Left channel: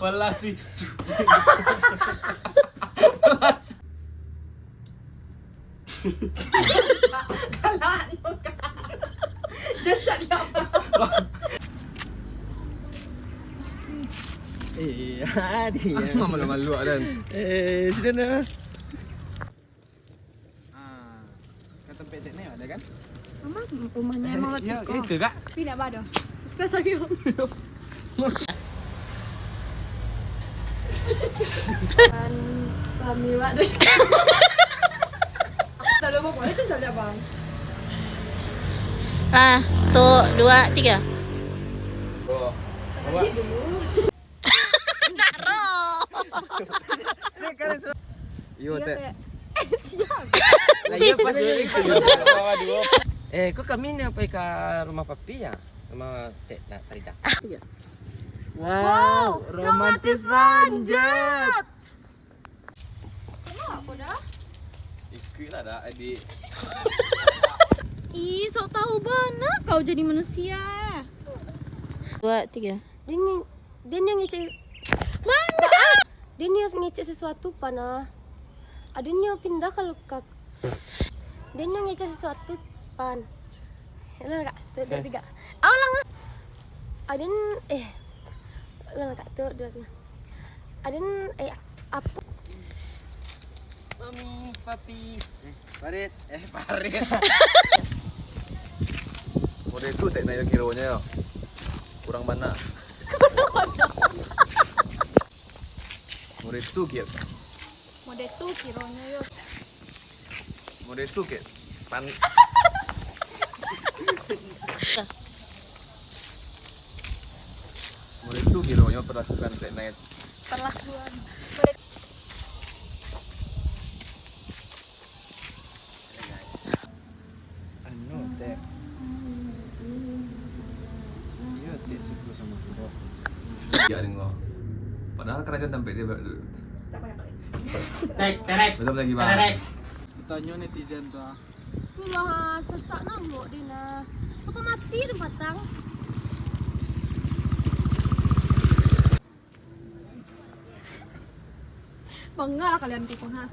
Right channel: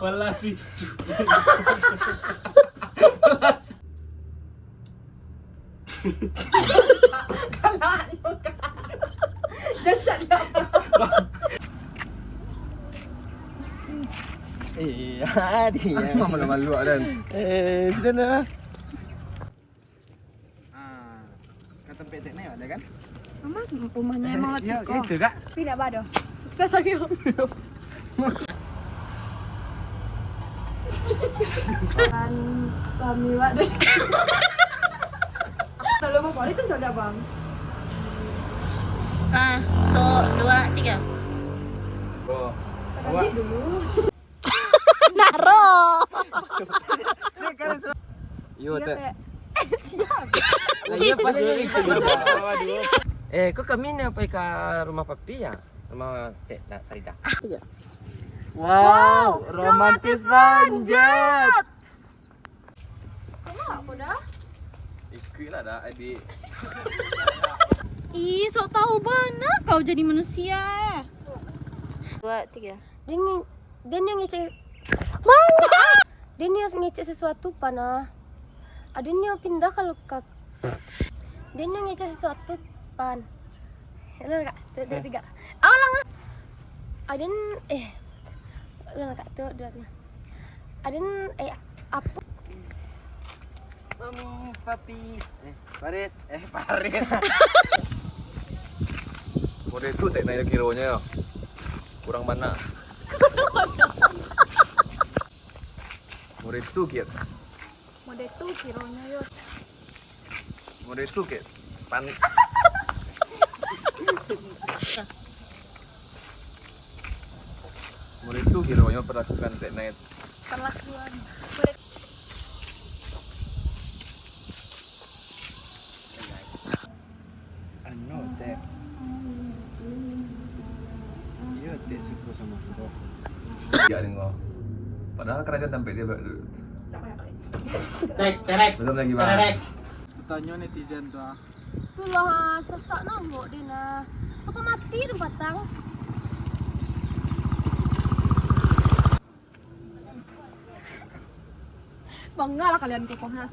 Walasi. Kalanya ka. Jangan apa. Dia. Malu-malu dan. Sudah nak. Kau tempat teknik ada kan? Mama rumahnya emang Ya, Ciko. itu kak. Tidak bado. Sukses lagi. Kan suami Wak deh. Kalau mau balik kan coba bang. 1, 2, 3. Oh. Tadi dulu. Naro. Yo Iya, teh. Teh. Siap. Kau kami ni apa ke rumah papi ya? Rumah Tek nak Farida. Wow, romantis banget. Kamu aku dah. Ikutlah dah adik. Ih, sok tahu mana kau jadi manusia. 2, 3. Dia yang ngecek mana? Dia yang ngecek sesuatu pana. Ada yang pindah kalau kak. Dia yang ngecek sesuatu pan. Lalu kak, tuh dua tiga. Awal ada lalu kak tuh dua tiga. Ada apa? Mami, papi. Farid. Farid. Model tu tak naik kilonya ya. Kurang banyak. Model tu kiat. Mode tuh kironya yuk. Model tu kiat. Pan. Model tu kilonya perlakukan tak naik. Perlakuan. Ano teh? Iya teh siku sama aku. Ya dengo. Padahal kerajaan sampai dia Terek. betul lagi bang. Tanya netizen tu. Itulah sesak nambok dia nah. Suka mati di batang. Bangga lah kalian koko ha.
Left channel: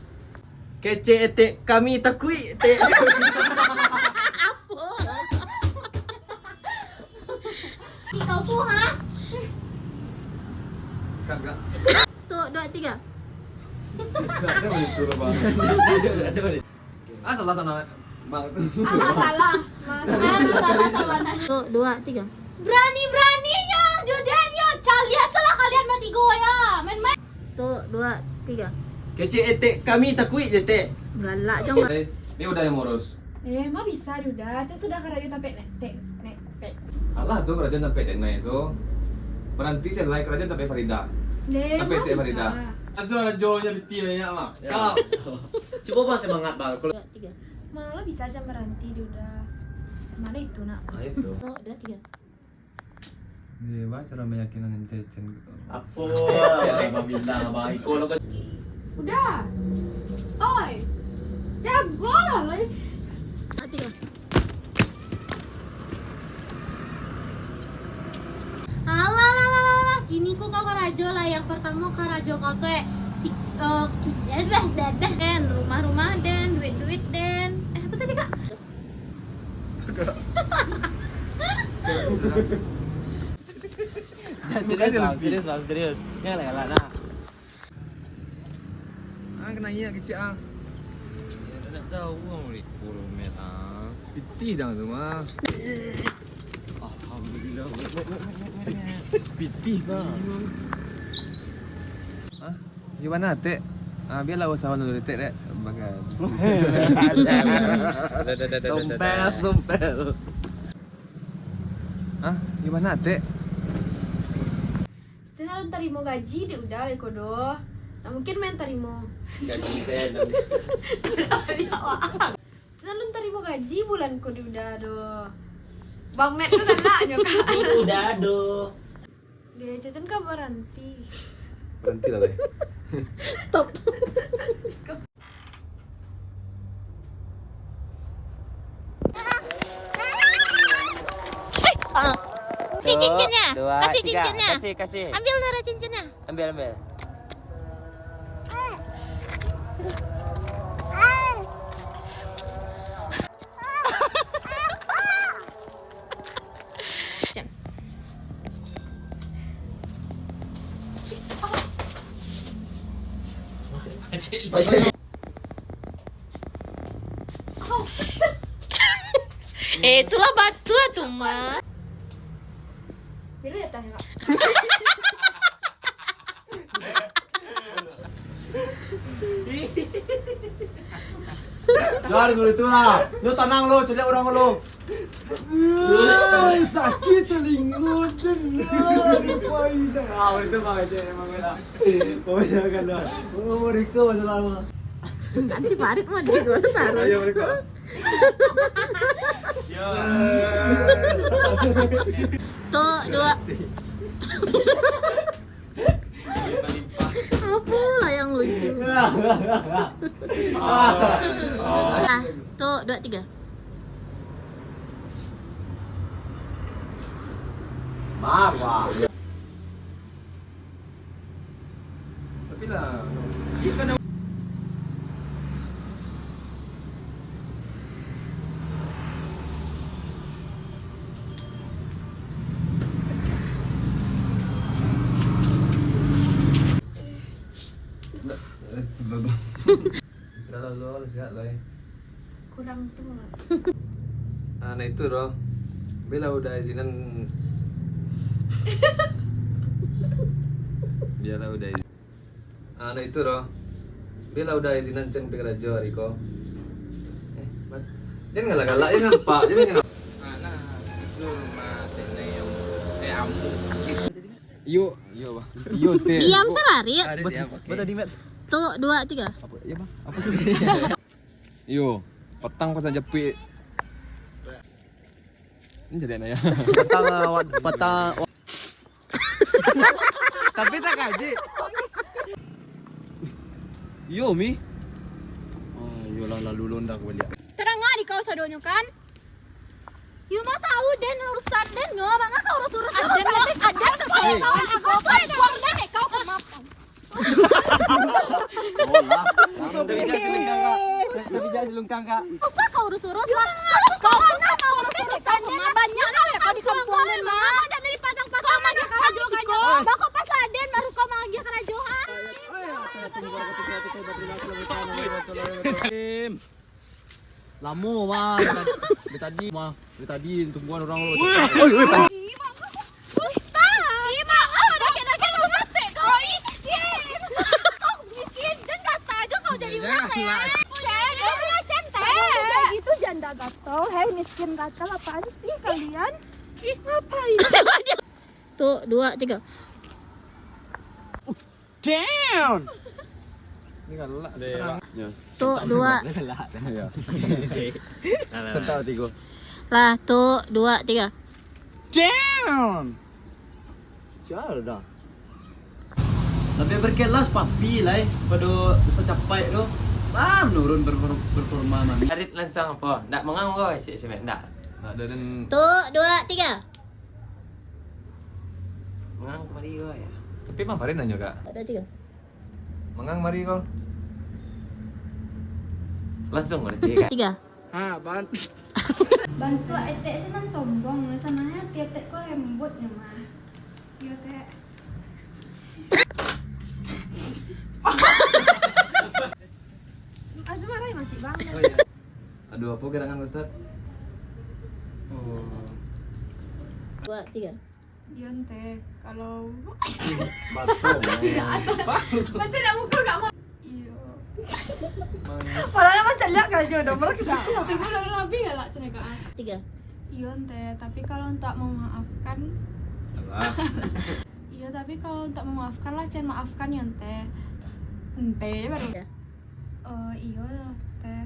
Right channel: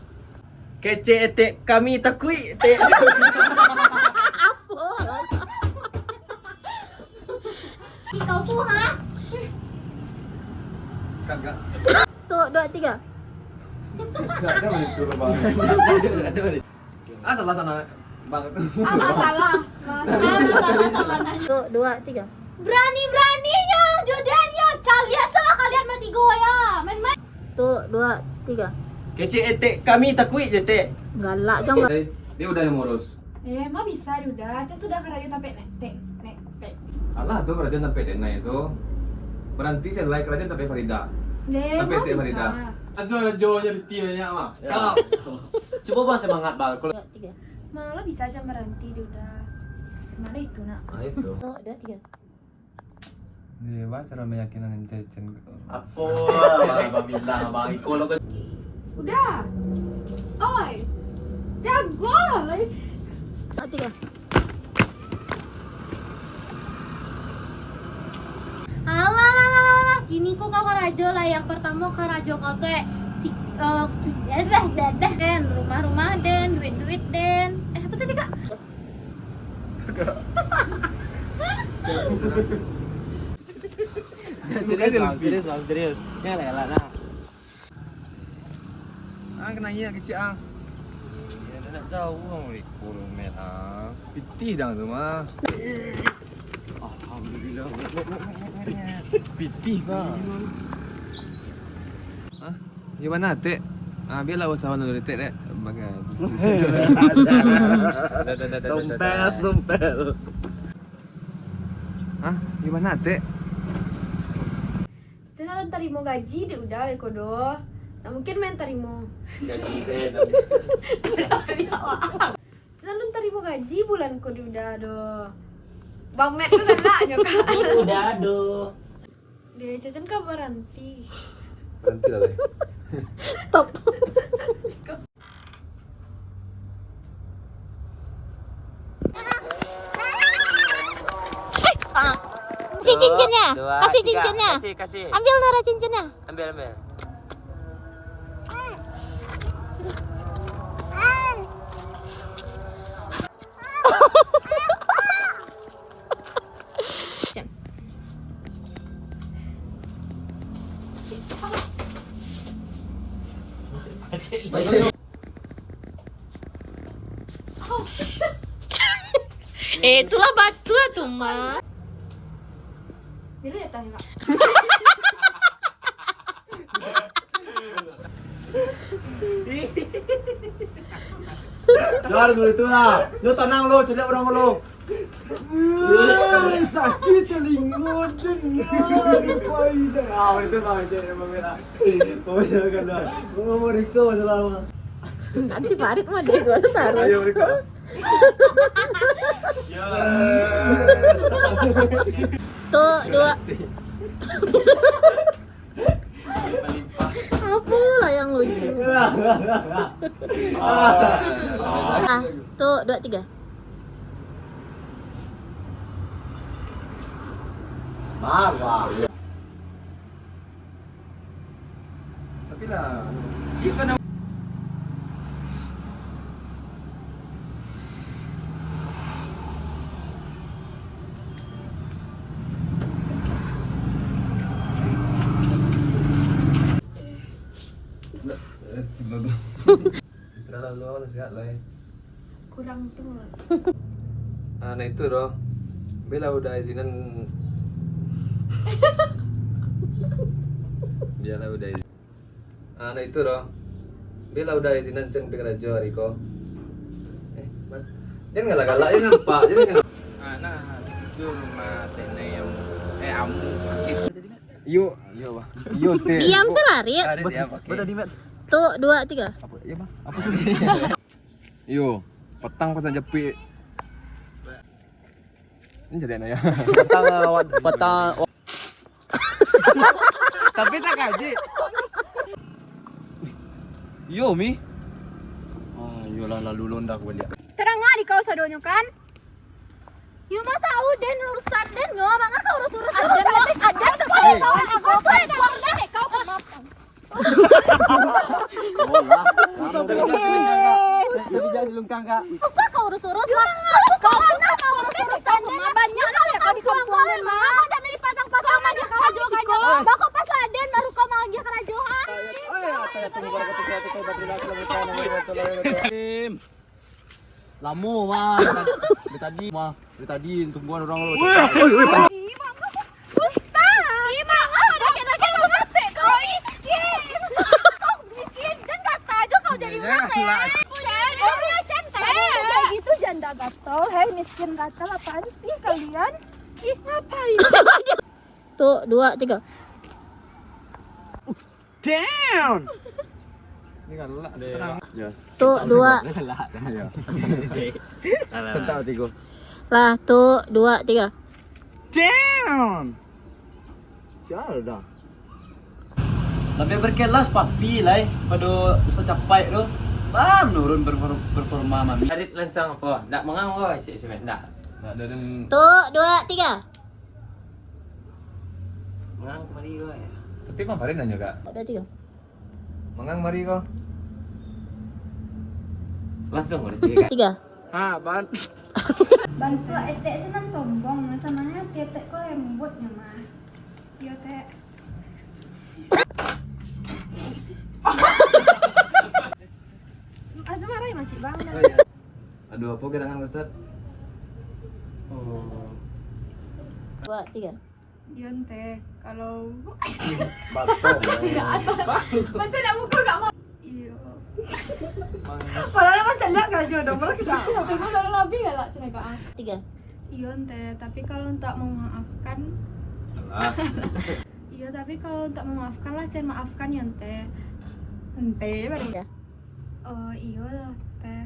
Kece etek kami takui etek. Kau tuh ha? Kagak. Tuh, 2, 3. Kagak begitu bang. Ah salah sana bang. Salah. Salah sama nanya. Tuh, 2, 3. Berani-beraninya Jordan yo. Calian salah kalian mati goya. Main-main. Tuh, 2, 3. Kece etek kami takui etek. Galak jangan. Dia udah yang ngurus. Mah bisa udah. Cak sudah kerja sampai nek. Alah tuh kerajaan sampai Tena itu berhenti selai kerajaan sampai Farida. Sampai Tena Farida. Rajo-rajonya betul banyak mah. Coba bang semangat bang. 2, 3. Malah bisa aja berhenti udah. Mana itu nak? Nah itu. Tuh, 2, 3. Dia bah cara meyakinkan Cecen. Apa? Bang bilang bang Iko lo kan. Udah. Oi. Jago lah. 3. Alah, gini kok kau karajo lah. Yang pertama karajo kau teh si den rumah-rumah den duit den. Apa tadi kak? Serius. Ini lah nah. Ah kena iya kecil ah. Ya tak tahu kamu di kurung merah. Pitih dah tu mah. Alhamdulillah. Pitih bang. Ah, gimana Tek? Ah biarlah usahawan dulu Tek dek. Bagai. Dompet. Ah, gimana Tek? Saya terima gaji dia udah kodo. Nah, mungkin main terima. Jadi saya Cina lu terima gaji bulan ku udah do. Bang Met tuh kan lah nyoka. udah aduh. Dia Cecen kan berhenti. Berhenti lah deh. Stop. Kasih cincinnya. Dua, Kasih tiga. cincinnya. Kasih. Ambil Nara cincinnya. Ambil. Itulah batu tuh, Ma. Bila ya tanya. Lari dulu itu lah. Lu tenang lu, cari orang lu. Sakit telinga dengar paida. Ah, itu mah aja emang enak. Oh ya kan lah. Mau Riko selalu. Nanti Farid mah dia gua taruh. Ayo Riko. Tuh, dua. Apa lah yang lucu? Ah, tuh, dua, tiga. Marah. Tapi lah, iya kan istirahat lo, sehat lah ya. Kurang tuh. Nah itu loh, Bella udah izinan. Bella udah izin. Nah itu loh, Bella udah izinan cen pengrajo Riko. Jangan galak-galak, jangan pak, jangan. Anak tidur mati yang amu. Yo bang. Yo teh. Diam selari. Ada dia pakai. Betul di met. Tuh, dua, tiga. Apa ya bang? Apa sih? Yo, petang pasang jepit. Ini jadi aneh ya. Petang. Tapi tak gaji. Yo mi. Ah, yolah lalu londak balik. Terang di kau sadonyo kan? You mah tahu Den urusan Den nggak? Mangga kau urus Ada sekali kau aku uang Dan kau maaf. Oh ya. Tapi jangan silungkang kak. Masa kau urus lah? Kau mana kau urus Dan? Banyak kali kau di kampungan mah. Dan di patang-patang kau mah kerajo kan? Bako pas Aden baru kau manggil kerajohan. Saya tunggu pada ketika itu kau Lamu mah dari tadi mah dari tadi tungguan orang lu. Gitu janda gatel, hei miskin gatel apaan sih kalian? Ih ngapain? Tuh, dua, tiga. Damn. Ini galak terang. Ya. Tuh, dua. Ya. Sentak tiga. Lah, tuh, dua, tiga. Damn. Siapa dah? Lebih berkelas papi lah, pada bisa capai tu. Menurun performa mami. Arit langsung apa? Tak mengang kau cik semen tak. Nah, dan Tuh, dua, tiga. Mengang kemari kau ya. tapi mah parin nanya kak. Dua, tiga. Mengang mari kau. Langsung kau tiga. Tiga. Bantu etek senang sombong, sananya tetek kok lembutnya mah. Yo teh. Asmara masih bang. Aduh apa gerangan Ustaz? Oh. Dua, tiga. Yon teh kalau Batal. macam nak mukul gak mau. Iyo. Mang. Padahal kan celak gak jodoh, malah kisahku tapi gue udah lebih ya lah cina kak. Tiga. Iyon teh, tapi kalau tak memaafkan, Alah. iya tapi kalau tak memaafkan lah, cen maafkan yon teh. Hente baru ya. Iya loh teh.